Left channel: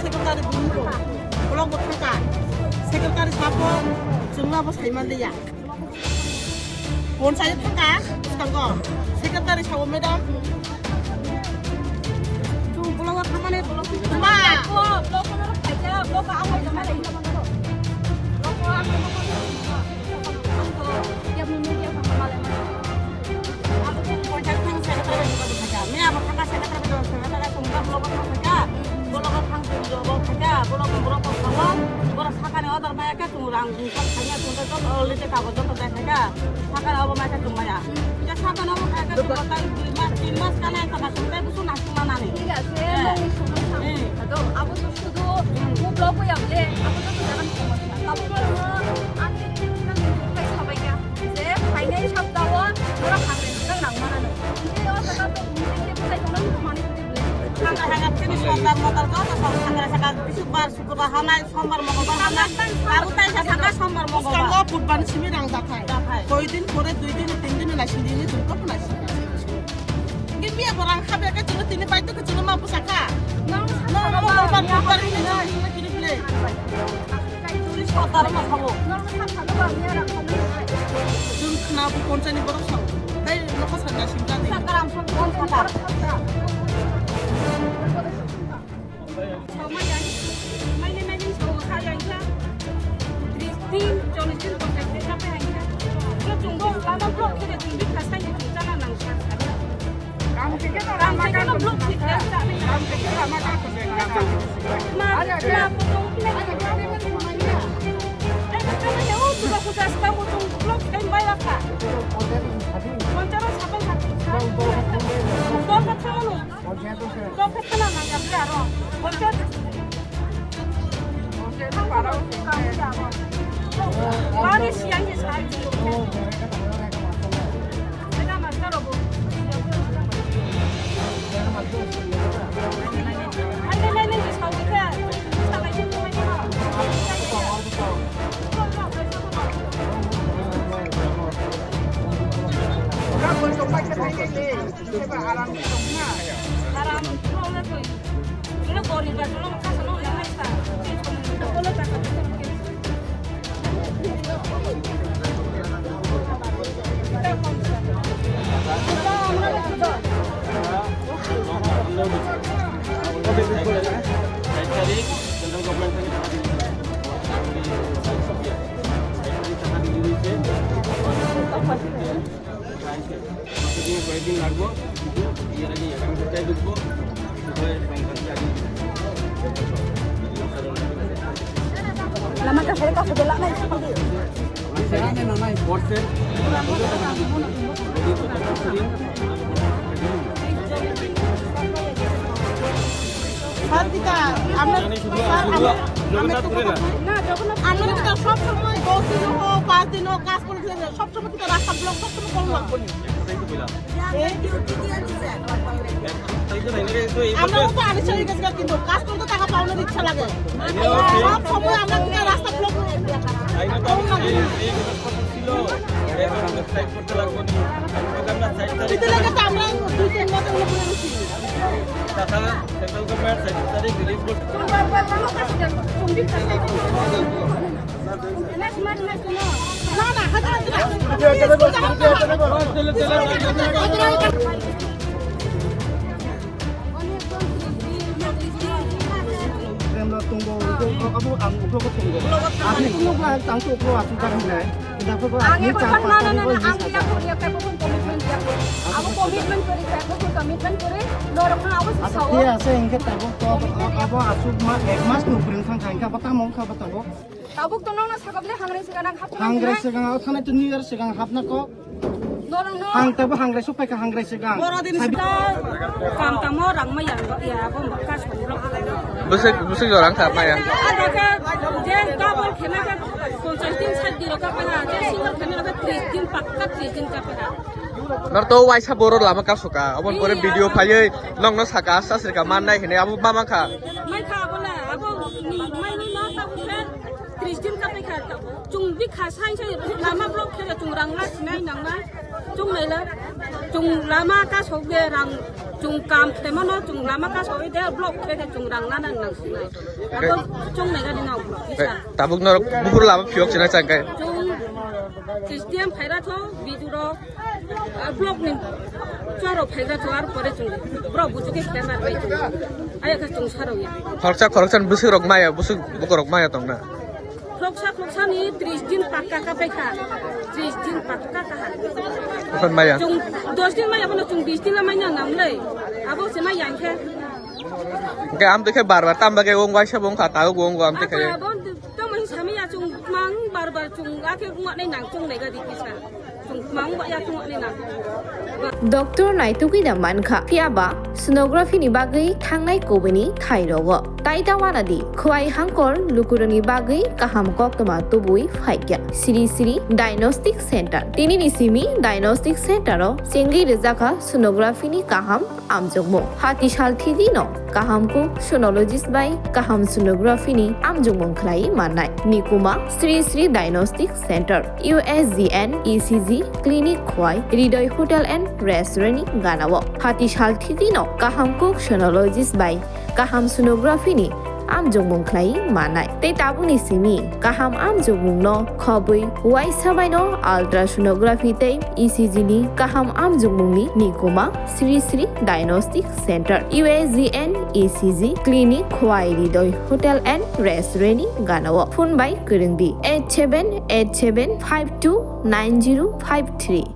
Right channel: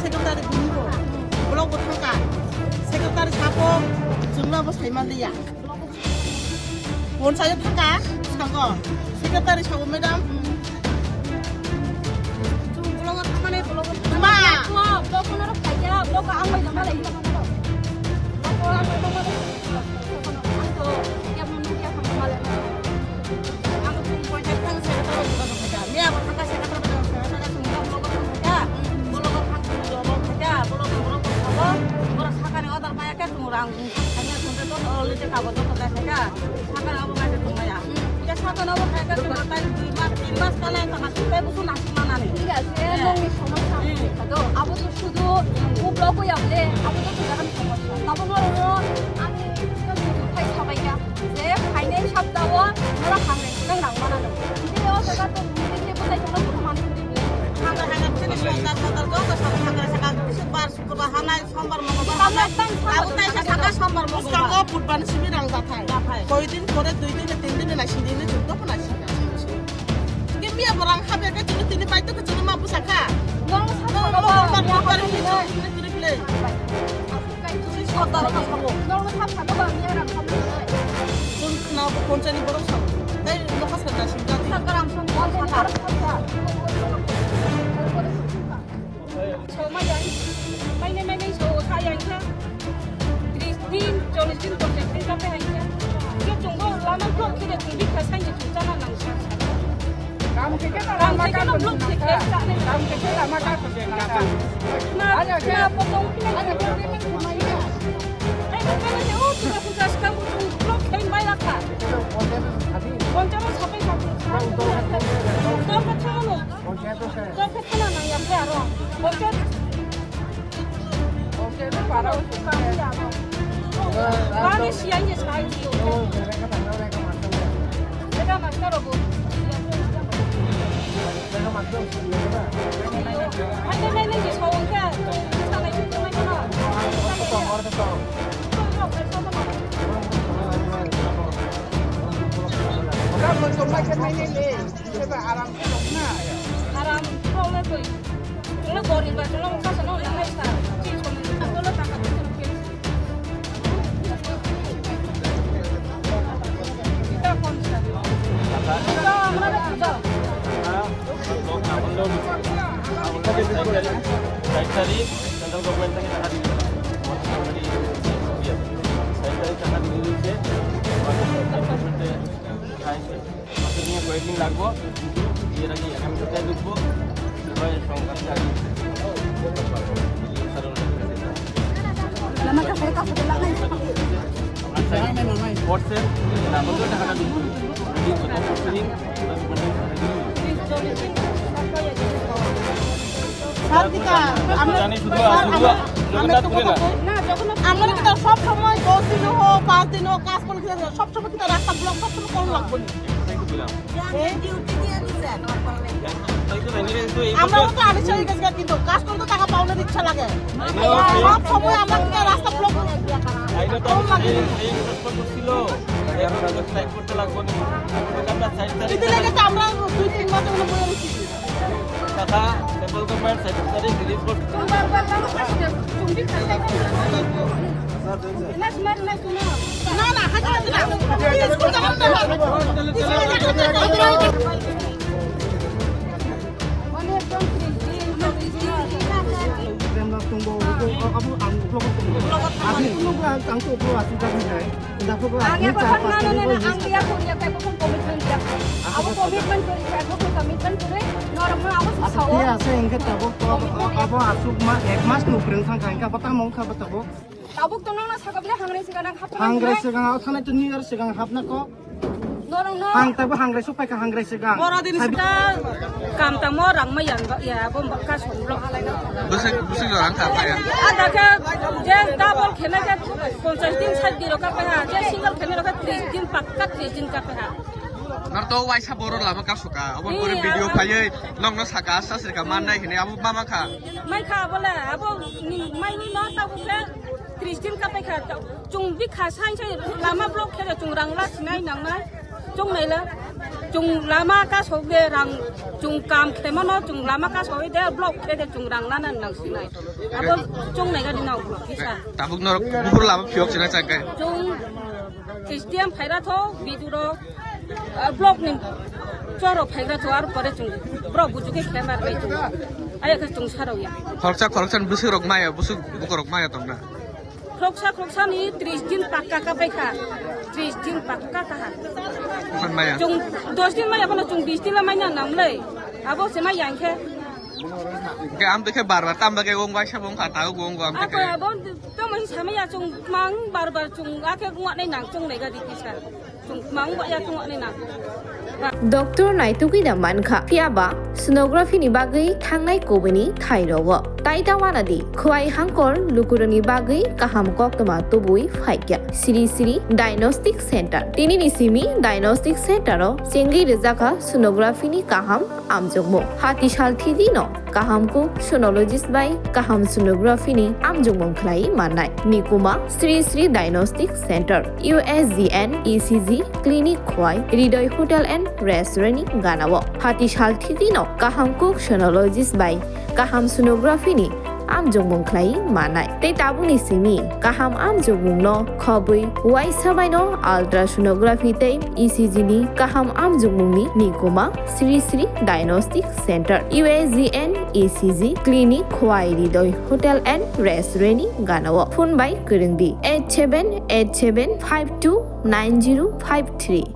세금다리 문고 블록부 탈까 세금다리 사고 증라부 살만들야 원사에 탈까 산거 세금다리 사고 매담 좀 블록부 타만해 블록부 엄마 너 손으로 갈게요 너가 안 가지 말아 이거 먹어 아무튼 본사탕 세금다리 주고 가자 매하고 탈까 세금다리 주고 가자 정답 블록부 타자 사간에 어디 봐야 개뚱이랑 사간에 뚱들 또 얼리때 가고 또 대세가 사간 어버 마셔 뚱마야 이제 사간 어버 가야 뚱마 딸 2마스 간에 가서 빼고서 나중만 하네 이게 세상에 সমস্যা তো আবু শুধু খুব লকই আপনি আপনি তো জানেন সমস্যা তাবো বললো আমি খাই সবাইকে যে ফাইনাল সপ্তাহ ওরা খাবে সেটা নাংমানো কিন্তু ওটা তো মুখে বলে কোনো মানুষ দিবে খানা খানা তিনি সন্তান মতার কথা সব খানা খানা শুক্রবার শুক্রবার হানাই সোমবার মঙ্গলবার হানাই আউতাই থাকা সোমবার মঙ্গলবার বুধবার শিবিরাং জাথাই কয়দিন পরে 2 দিনে 3 দিনে না সিদিনে জুমকা পনাসি গিমিয়া বরাং খাবে কে চিনি তিনি পাইতো কে চিনি মাপু সাকা নং বুধবার হিনে চিনি প্লে তুমি সদার মা খাবো নং সাবসাদো বামিয়া খাবো जों खोनाबो पन्चायतनि बर' साव दै नखा सादा सिंगा साकाराम सम बन साका Chaumayan, may namanin sa kaya ka. 13, 14, 15 sa pehangka. Yo junggo lama blok kire tumbi kasan ye jungana nang sa. Ram theke na blok theke sa ni ram theke lama ka khujenga. Na potong kine na ka ni khumaiya. Ai ka na yo tuga kukas ka mo jung blok khain bai rakha. Poncharo sape sape. To pochano. To phekana na ya pe aro. Ponchar para Kami siang je sai. Mereka master robo. Mereka master. Ada je sawang ka. Sana itu mana? Aram problem tu. Kalau boring bah, kalau muka sana orang lain tak. Kalau tak ada tu mungkin. Kita konsep. Kita mana kita? Okey, betul ya. Saya tadi tentang government tadi tadi. Saya tadi tadi dulu je. Maksudnya kau lagu, dia lagi akan kita dulu. Lama ka saya tak boleh lagi. Saya namai WhatsApp, nama tu dah ada dulu. Jadi betul sering. Saat kita, আমরা kita সব সময় 10 দিন হোক 5 দিন হোক কাজ করে সব সময় kita রাস্তা ব্লক সব সময় করতে লাগবে না এই ডিউটি দিয়ে দিছে আমরা তো আড়াইশো গেছে কিন্তু কাজ করতে টাকা পাওয়ার ইচ্ছা লাগে সব সময় আমরা kita রাস্তা ব্লক করে দিয়া করা কম লাগে এই ছিল এখন আমরা সাইড করতে লাগবে না আমরা সাইড করে দিতে লাগে তো আমরা 2-3 মাস হলো বইরে রইছি কথা সেন্ট্রাল গভর্নমেন্ট সাইড তারিখ রিলিজ করতে তুমি খাইতে না না হাজার tunggu apa angku aku tunggu angku aku sudah ini sudah aku ini siapa tadi kau ini siapa punya kayak pun komitmen dia aku komitmen kiri aku komitmen kiri normal aku dia sehingga tahu apa asuk mah ekmas tu beri sang apa tak mau apa tahu tahu tu nona sakapnya hangre sekarang aku sana tu New Year sekarang hapna kok hang tahu hangre supaya ke hangre sekarang borodin sekarang kam tamu orang mayang ya aku bakal somblok Busuk orang siapa ya? Ada ke je double kena ke 50 दिन 60 दिन का कहा जे single kena ka 30 दिन पक्का 30 दिन का कहा nor to wai sa boro lama ka suka abon pore video phai nong no thaka sasir ka man nai hene abu mama kha mai kha bola abo ni mai ni no sa bukle Kristin ka pe kha chung bi kha sai sai lama blok khe chung rang la sinai nang nai chung nei la chung lama ka so be rang chung kam khe ma no chung lama ka so de blok khe chung rang la nang nang sinai abo chung nei ga di nau blok isa tabuk nor bukur lama phiok sina chakai chung Kristin phai ra tho bidu ro blok ni choro phai ra tho ar pore chung bro buju ke khe mar bai chung aya ka chung saro ya khorchan busu rok maya busu bukorok maya tongna Khoksa ni 30 din pakka ka pe kha 30 din pakka ka kon maya chung 2 din maya bana chung 20 din la mai na nam le abo se mai yang khe ke am te bar bar tam bage ong wai sa bong khata go ong am te ke abo to mai sa mai ya chung mang bar chung a ke ngwa nei nang chung nei ga di kisa chung mang ba ya chung ngwa nei nang Dr. Naituki da manka piaba sonography ni bagai thangnai kobani thairogo taitawana di khwai hangkor lukurani bagai kaham koktama tobui phaikya Sri Sri Diagnostic Center tini ni simi Diagnostic Center o sengi rezaka sonography ni kaham amjogmo hati sal thidi no kaham ko sonologist bai kaham sonography ni amjogmong khlai manai nikuma Sri Sri Diagnostic Center USGN ECG Clinic khwai Hridoy Hotel and Restaurant Ganawo hati sal thidi no kaham ko sonologist bai kaham sonography ni amjogmong khlai manai tei tabuni simi kaham amjogmong no khobui wai sabai no ultrasonography tei ECG ni kaham amjogmong ni nikoma Sri Sri Diagnostic Center USGN ECG Clinic Khwai Hridoy Hotel and Restaurant Ganawo phone by kurungdi 8787529053